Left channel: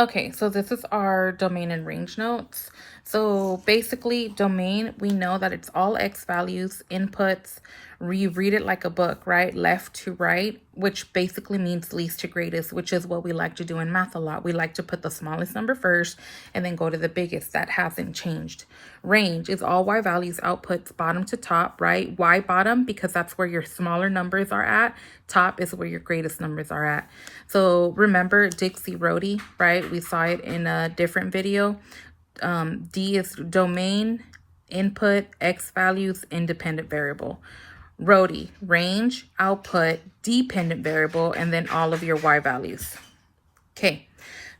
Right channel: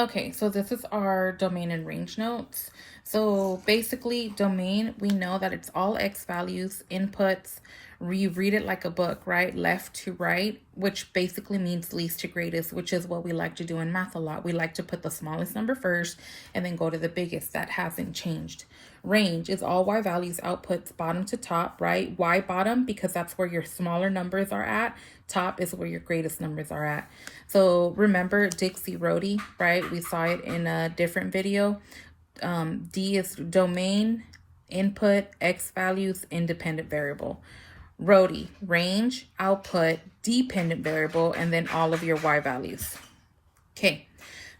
Okay, so this is our domain and range notes. So basically, domain, we know that it's all X values, inputs. We read it like a book, right? Left to right, which basically means least to greatest, which is what we like to do in math a lot. We like to put the smallest number first and then go to the biggest. That hasn't changed. Range is all Y values, outputs, bottom to top, right? Y bottom, because that's where your smaller numbers are at. Top is where your greatest numbers are at. So remember Dixie Roadie, right? We saw it in a different video. D is domain, input, X values, independent variable. Roadie, range, output, dependent variable, and then all of your Y values. Okay,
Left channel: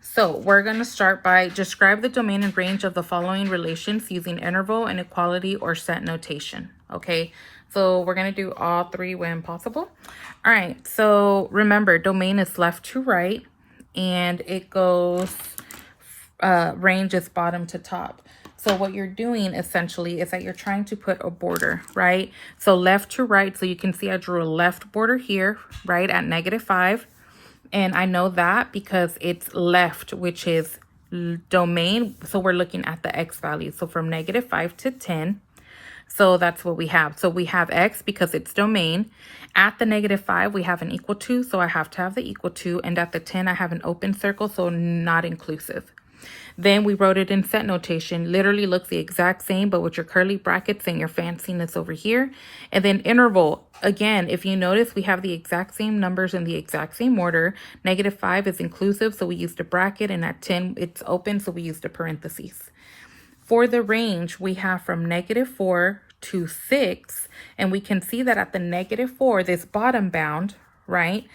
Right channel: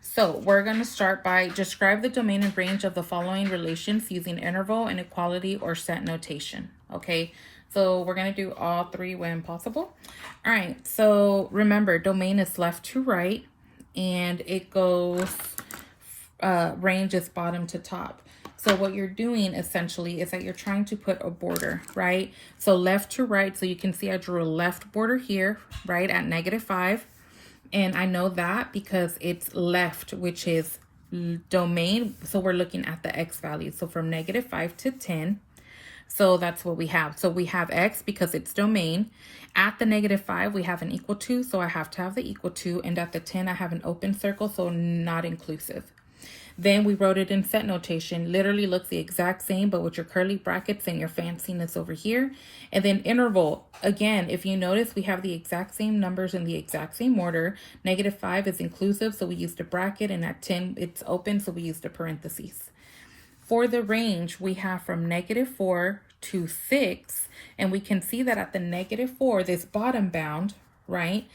so we're going to start by describe the domain and range of the following relations using interval, inequality, or set notation. Okay, so we're going to do all three when possible. All right, so remember, domain is left to right, and it goes, range is bottom to top. So what you're doing essentially is that you're trying to put a border, right? So left to right, so you can see I drew a left border here, right, at -5. And I know that because it's left, which is domain. So we're looking at the X value. So from -5 to 10. So that's what we have. So we have X because it's domain. At the -5, we have an equal to. So I have to have the equal to. And at the 10, I have an open circle. So not inclusive. Then we wrote it in set notation. Literally looks the exact same, but with your curly brackets and your fanciness over here. And then interval. Again, if you notice, we have the exact same numbers in the exact same order. -5 is inclusive, so we used a bracket. And at 10, it's open, so we used a parentheses. For the range, we have from -4 to 6. And we can see that at the -4, this bottom bound, right?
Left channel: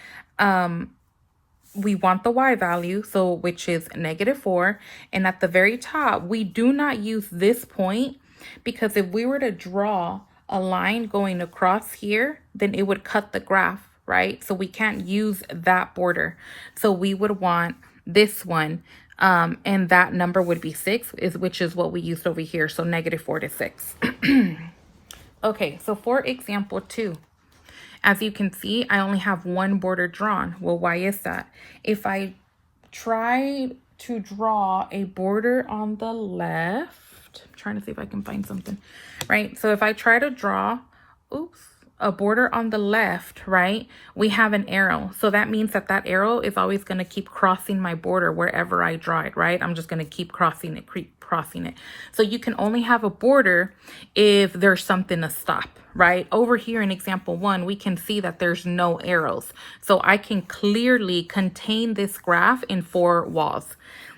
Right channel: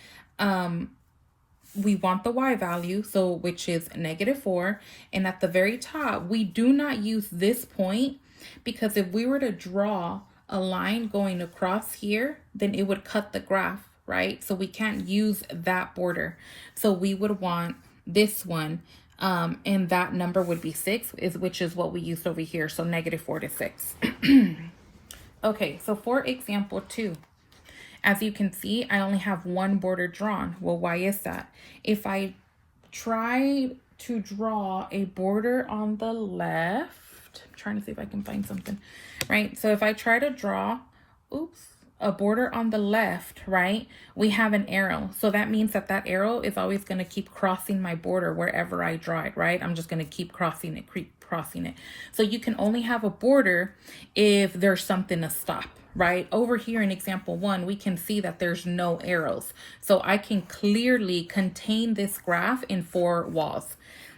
We want the Y value, so which is -4. And at the very top, we do not use this point because if we were to draw a line going across here, then it would cut the graph, right? So we can't use that border. So we would want this one, and that number would be 6, which is what we used over here. So -4 to 6. Okay, so for example 2. As you can see, I only have one border drawn. Well, why is that? If I try to draw a border on the left, I'm trying to see if I can find something, right? So if I try to draw, a border on the left, right, we have an arrow. So that means that that arrow is always going to keep crossing my border wherever I draw it, right? I'm just going to keep crossing it. So you can only have a border if there's something to stop, right? Over here in example 1, we can see that there's no arrows. So I can clearly contain this graph in 4 walls.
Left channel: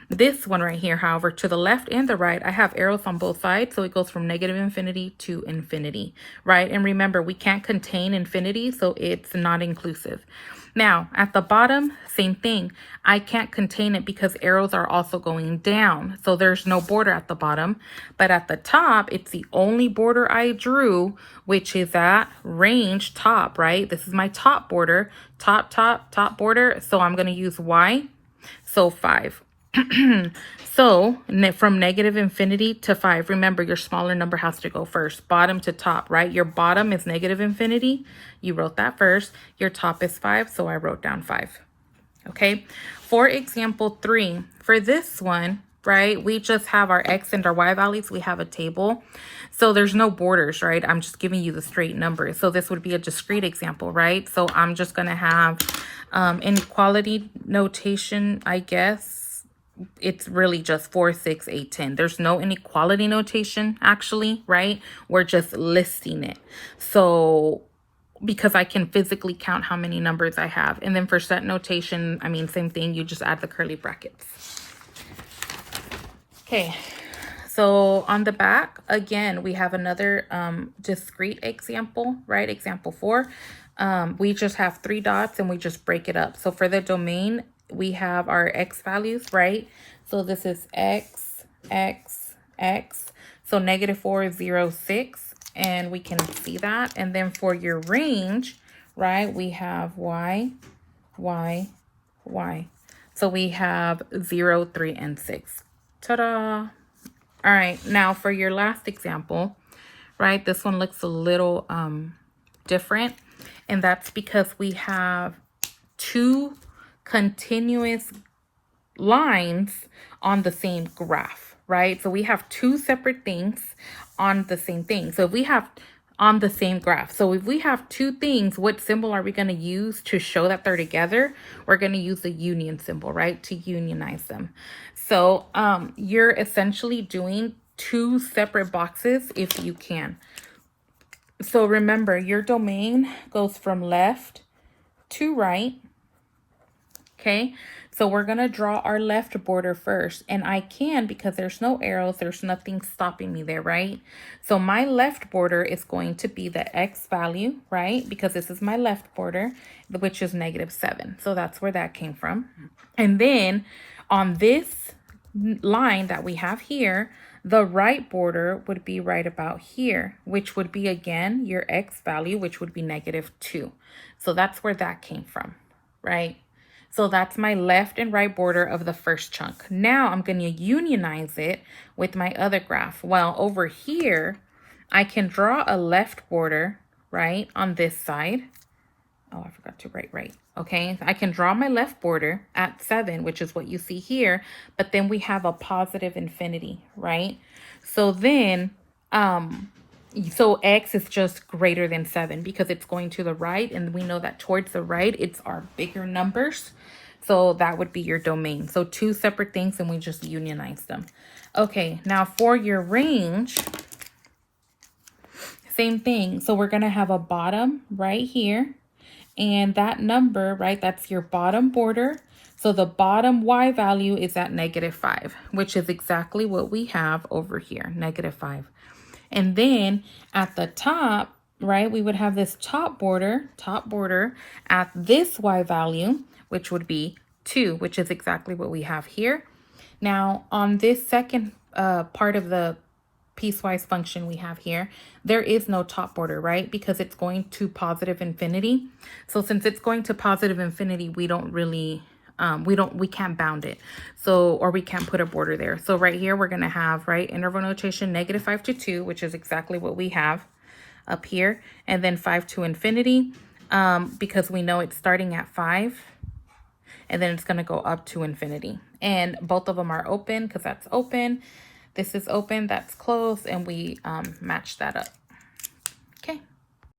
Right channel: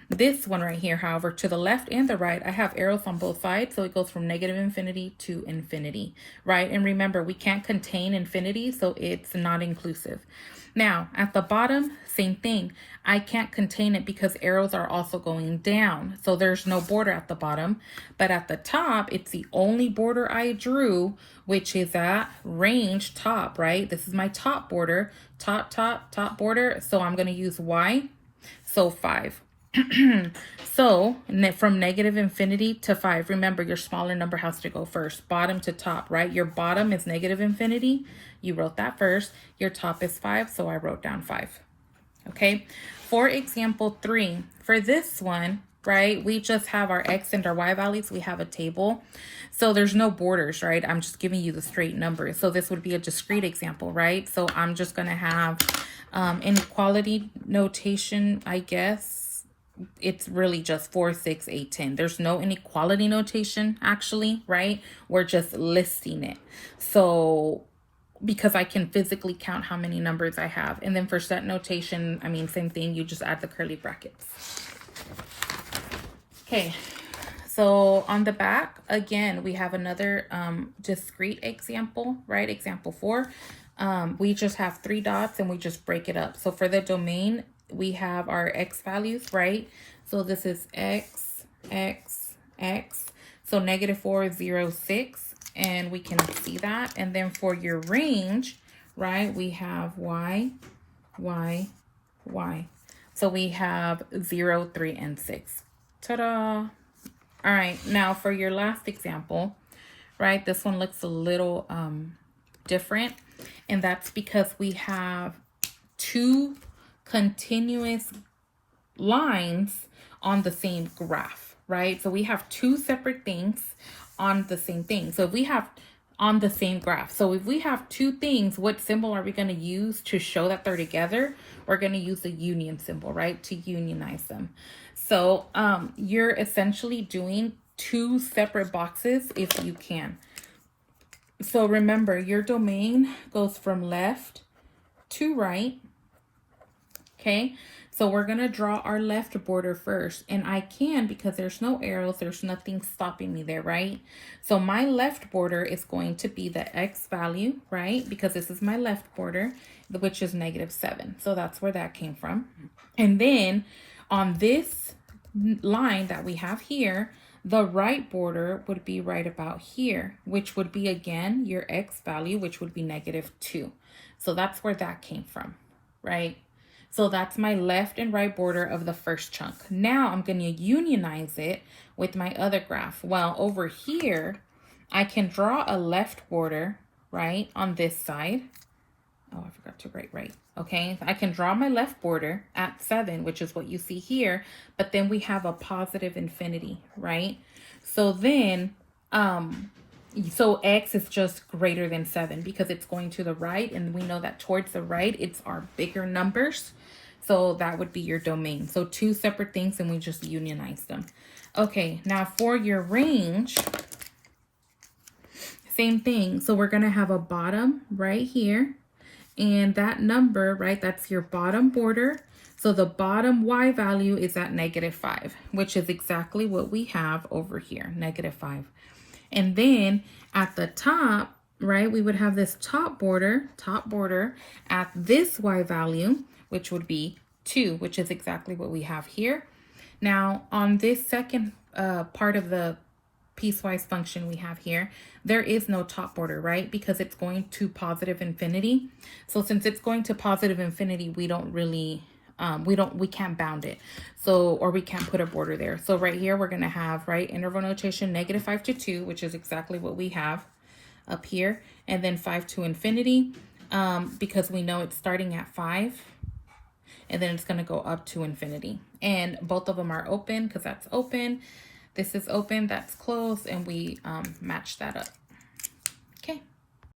This one right here, however, to the left and the right, I have arrows on both sides. So it goes from -infinity to infinity, right? And remember, we can't contain infinity, so it's not inclusive. Now, at the bottom, same thing. I can't contain it because arrows are also going down. So there's no border at the bottom. But at the top, it's the only border I drew, which is at range top, right? This is my top border, top border. So I'm going to use Y. So 5. So from -infinity to 5, remember your smaller number has to go first, bottom to top, right? Your bottom is -infinity. You wrote that first. Your top is 5. So I wrote down 5. Okay. For example 3, for this one, right, we just have our X and our Y values. We have a table. So there's no borders, right? I'm just giving you the straight numbers. So this would be a discrete example, right? So I'm just going to have inequality notation, I guess. It's really just 4, 6, 8, 10. There's no inequality notation, actually, right? We're just listing it. So because I can physically count how many numbers I have. And then for set notation, I mean, same thing. You just add the curly brackets. Okay. So on the back, again, we have another discrete example, right? Example 4. We just have 3 dots and we just break it up. So for the domain, we have our X values, right? So this is X, X, X. So -4 is 0, 6. And we can see that. And then for your range, right, we have Y, Y, Y. So we have 0, 3, and 6. Ta-da! All right, now for your last example, right, this one looks a little different. And that's because we have 2 continuous lines on the same graph, right? So we have two separate things on the same thing. So if we have on the same graph, so if we have two things, what symbol are we going to use to show that they're together? We're going to use the union symbol, right? To unionize them. So you're essentially doing two separate boxes if you can. So remember, your domain goes from left to right. Okay, so we're going to draw our left border first, and I can, because there's no arrows, there's nothing stopping me there, right? So my left border is going to be the X value, right? Because this is my left border, which is -7. So that's where that came from. And then on this line that we have here, the right border would be right about here, which would be, again, your X value, which would be -2. So that's where that came from, right? So that's my left and right border of the first chunk. Now I'm going to unionize it with my other graph. Well, over here, I can draw a left border, right, on this side. Oh, I forgot to write right. Okay, I can draw my left border at 7, which is what you see here, but then we have a positive infinity, right? So then, so X is just greater than 7 because it's going to the right, and we know that towards the right, it's our bigger numbers. So that would be your domain. So two separate things, and we just unionize them. Okay, now for your range, same thing. So we're going to have a bottom right here. And that number, right, that's your bottom border. So the bottom Y value is at -5, which is exactly what we have over here, -5. And then at the top, right, we would have this top border at this Y value, which would be 2, which is exactly what we have here. Now, on this second part of the piecewise function we have here, there is no top border, right? Because it's going to positive infinity. So since it's going to positive infinity, we don't really, we can't bound it. So, or we can't put a border there. So right here, we're going to have, right, interval notation -5 to 2, which is exactly what we have up here. And then 5 to infinity, because we know it's starting at 5. And then it's going to go up to infinity. And both of them are open because that's open. This is open, that's closed, and we match that up.